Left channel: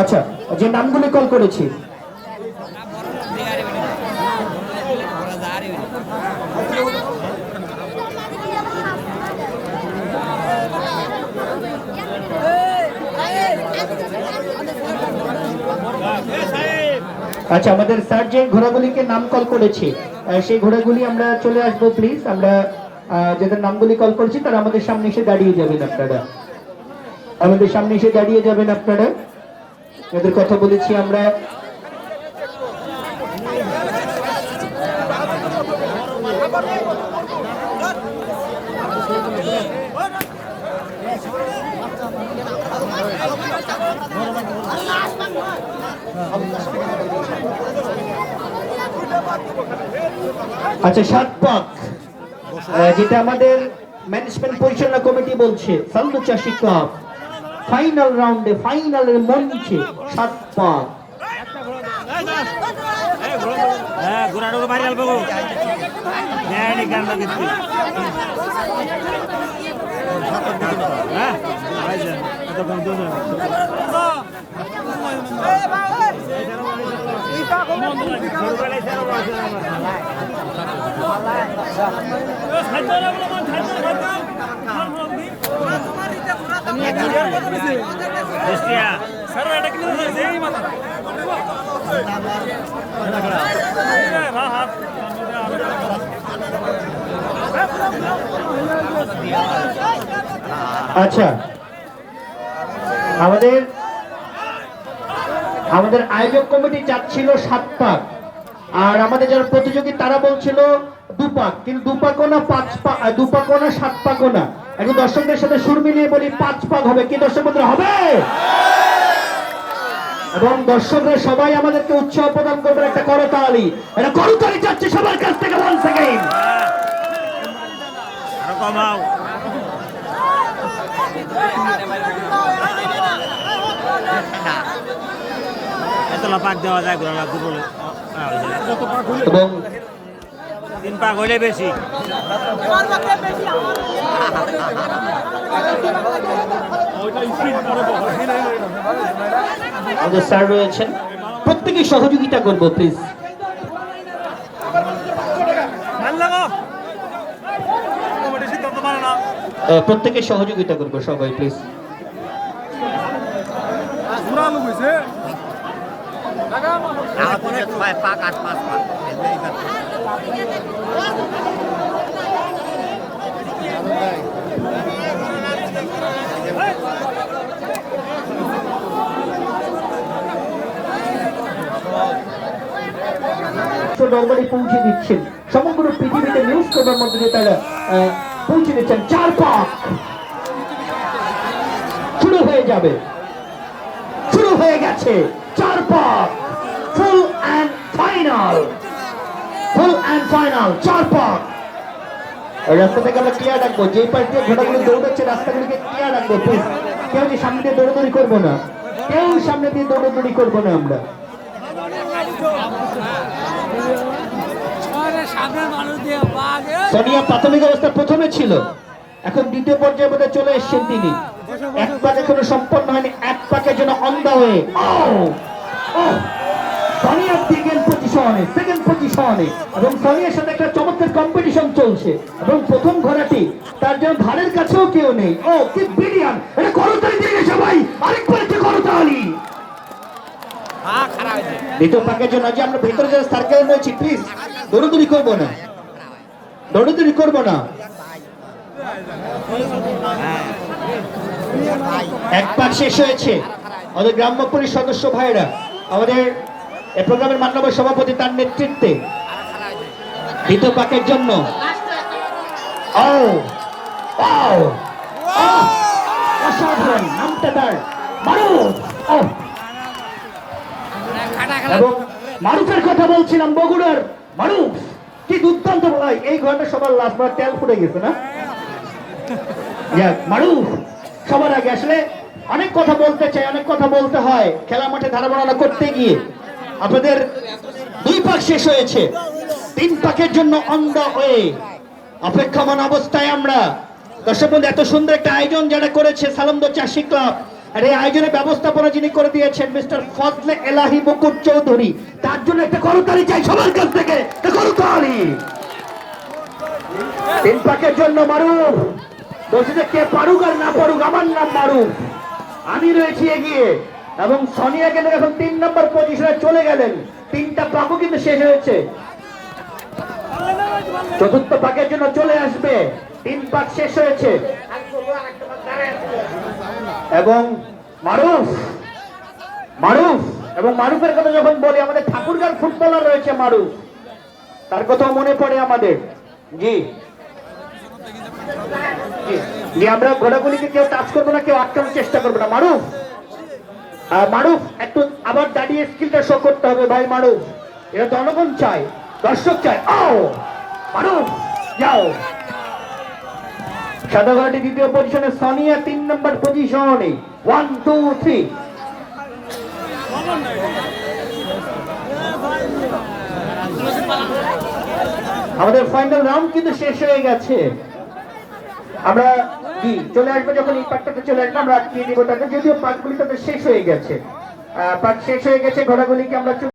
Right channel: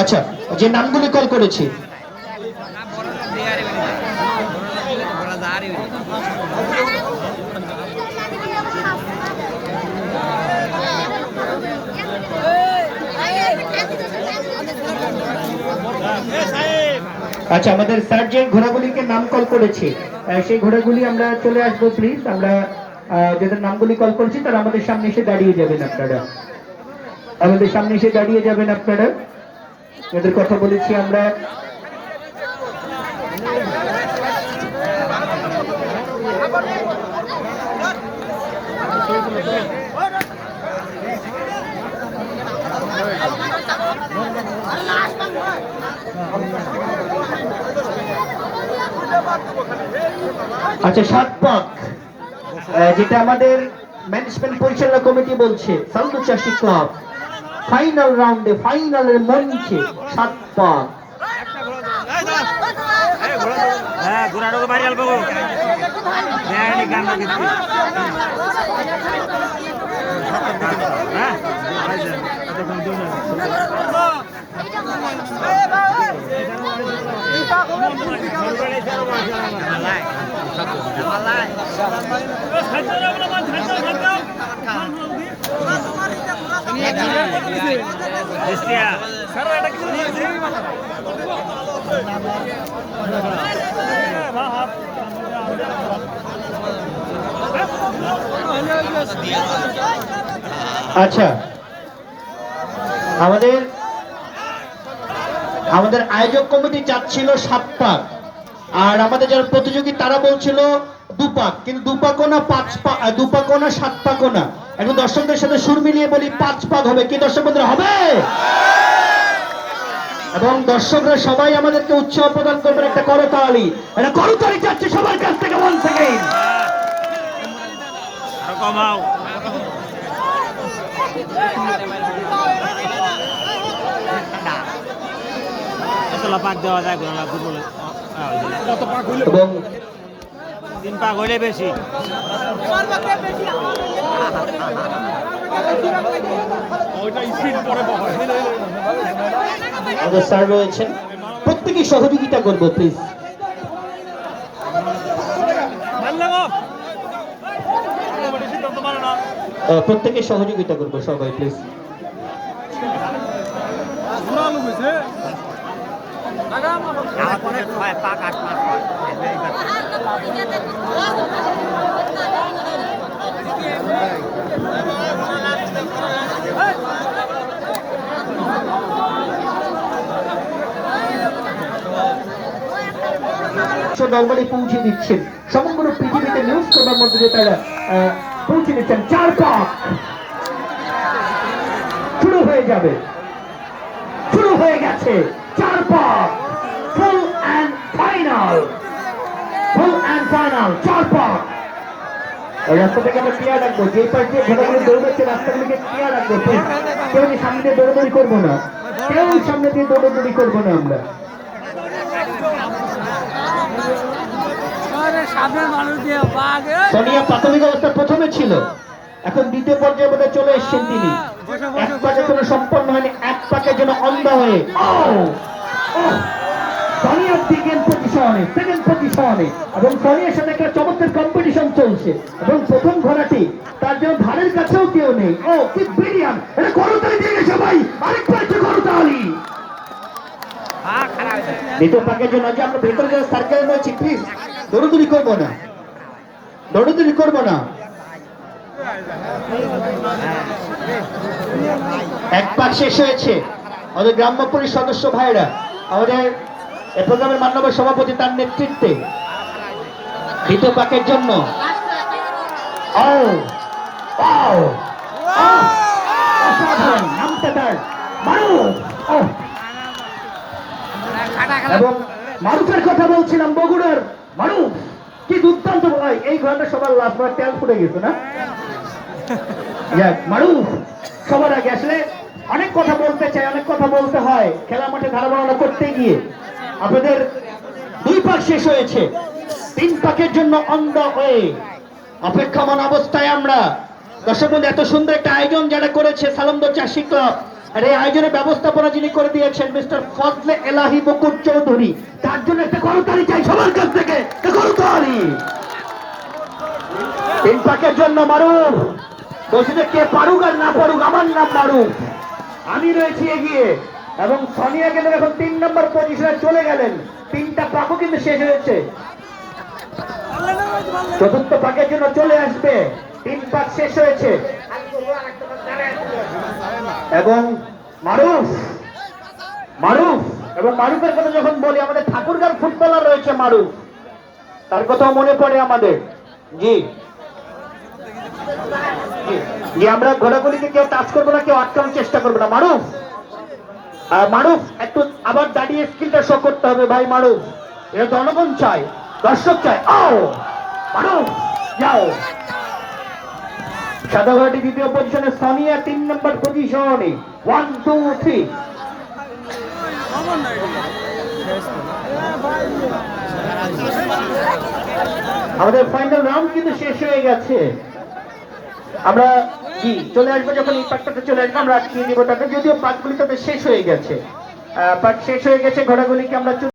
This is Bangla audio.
আচ্ছা, যে নামগুলি কল করেছি আচ্ছা, আমাদের স্যার যে ঘোড়াগুলিকে নাম কল করেছে সেই ঘোড়াগুলি আমরা চলে আসবো প্লিজ। আমরা যাদের নামগুলি কল করেছি তারা আমাদের সামনে এসে দাঁড়িয়ে যাবেন। আপনারা আমাদের সামনে এসে দাঁড়িয়ে যাবেন। আপনারা যাদের কথা বলেছি আমরা আচ্ছা, 7 পাক যেটা আমাদের ম্যানেজমেন্ট পরিচালনা কমিটি বলছে সাউন্ড চাষী ক্লাব ফাইনাল রাউন্ডে ফাইনালের মঞ্চে 7 পাক। আচ্ছা, আমাদের আয়োজক কমিটি চাচ্ছিল 7 পাক, আর আমাদের যারা প্রতিযোগী তারা বলছিল 2 পাক, কিন্তু 2 পাকও না 5 পাক, 2 পাকও না 7 পাকও না। এখন দর্শকদের সাথে সুর মিলিয়ে বলি 5 পাক হবে কি দর্শক বন্ধুরা? হবে। এবং দর্শকরা সবাই আমাদেরকে উৎসাহ প্রদান করবেন একটা করতালি। এটা করতালি চাচ্ছে সবার কাছ থেকে। 1 সেকেন্ড আর কমাও। এতলা পাক দেওয়া যায় ঘোড়া দুপুরে এবং 3 পাক হইলে বেশি। স্যার রয়েছেন, প্রত্যেকে সহযোগিতা করবো প্লিজ। প্রত্যেকে সহযোগিতা করবো সবাই প্লিজ। দলবাড়ি পৌঁছে দিচ্ছেন সমগ্র পৃথিবীতে নিউজ করার মধ্যে দিয়ে তারা পৌঁছে দিচ্ছেন। 4 পাক শুরু হয়ে যাবে, শুরু হয়ে গেছে। 4 পাক full and final, full and final 4 পাক। এই রাস্তাটাকে আমরা ক্লিয়ার রাখবো, যে পাশ দিয়ে ঘোড়াগুলো দৌড়াচ্ছে রাস্তাগুলিকে ক্লিয়ার রাখবো প্লিজ। কেউ সামনে দিয়ে দৌড়দৌড়ি করবো না, কেউ সামনে দিয়ে দৌড়দৌড়ি করবো না। আমরা সোনিয়া প্রাথমিক অবস্থা প্রথমে ছিল, এখন দ্বিতীয় পর্যায়ে বোধ চলে এসছেন তিনি। 1 পাকের জন্য সম্পন্ন হয়নি, 1 পাকের জন্য অন্ধ হয়ে সোনিয়া সেকেন্ড পজিশনে এবং সোনিয়ার সাথে একটা চমৎকার কম্পিটিশন চলছে এবং প্রথম ঘোড়াটি তার জন্য ধারের কাছেও কেউ নেই। ও কি ব্রিলিয়ান্ট! এটা করতালি দিয়ে গেছে ভাই, আরেকবার একটা করতালি। দ্বিতীয় পাকের জন্য যে আমরা ভেতরে যারা সার্কেলে রয়েছি প্লিজ দৌড়দৌড়ি করবো না, দৌড়দৌড়ি করবো না। 1 পাক শেষ হয়েছে। আমাদের গ্রাম্য পরিষদ সদস্য ভাইরা, আমাদের এই প্রোগ্রামের মাননীয় সভাপতি তার নেতৃত্বে দ্বিতীয় পাকের জন্য নামটা তার মারুফ। এবং মারুফের কথা বলছিলাম, বগুড়ার মারুফ কি দুর্দান্ত ভাই। এই ঘরটা সবার লাস্ট বার তেল ফুটে গেছে না? মারুফ সবার আগে। আসলে অনেক কথা বলতে চাই, অনেক কথা বলতে হয় খেলা মাঠে ধারা বর্ণনা করতে গিয়ে। আপনাদের দুই পাক শেষ হয়েছে, তিন পাকের জন্য অন্ধ হয়ে অপেক্ষমান অবস্থায় আমরা। দর্শক বন্ধু, এত সুন্দর একটা আয়োজন যারা করেছে সালন্দ চাষী ক্লাব, আর এই আয়োজনের ব্যবস্থাপনা যিনি করে দিয়েছেন মিস্টার ফজলে এলাহি মুকুট চৌধুরী, তার জন্য একটা করতালি চাই সবার কাছ থেকে, একটা করতালি। তিন পাকের জন্য মারুফ বলছি যে কে পারুক আর না পারুক, আমার নাম মারুফ, আমি রয়েছি এগিয়ে। এবং সোনিয়া কিন্তু এখন 3 নম্বর পজিশনে চলে গেলেন, তিনটা পাকও কিন্তু শেষ হয়েছে, চতুর্থ পাকের জন্য চলে আসবে, 3 পাক শেষ হয়েছে। এবং মারুফ এবং মারুফের কথা যখন বলি, আমাদের ঠাকুরগাঁও ফুটবলার রয়েছে মারুফ, তার কথাও মনে পড়ে আমাদের। জি জি, আমরা ঘোরাঘুরিতে কেউ টাচ করবো না, কেউ আটকানোর চেষ্টা করবো না। মারুফ একটু আবার দাঁড়িয়ে স্কিলটা শো করতে হবে ভাই। মারুফ, এটা জনগণ চায়, দর্শক চায়। ও মারুফ যাও। সাদাঘাটি দ্বিতীয় পজিশনে, সানিয়া 3 নম্বর পজিশনে। 1 2 3। আমাদের ফাইনাল রাউন্ড কিন্তু শেষ হয়ে গেছে। আমরা জি চলে আসবো, যখন এই পাকটাতে চলে আসবো আমরা আটকিয়ে দিব টাকা, যদিও পাকগুলি তবে শেষ হয়ে গেছে, পাক শেষ হয়ে গেছে, ঘোড়াগুলিকে আমরা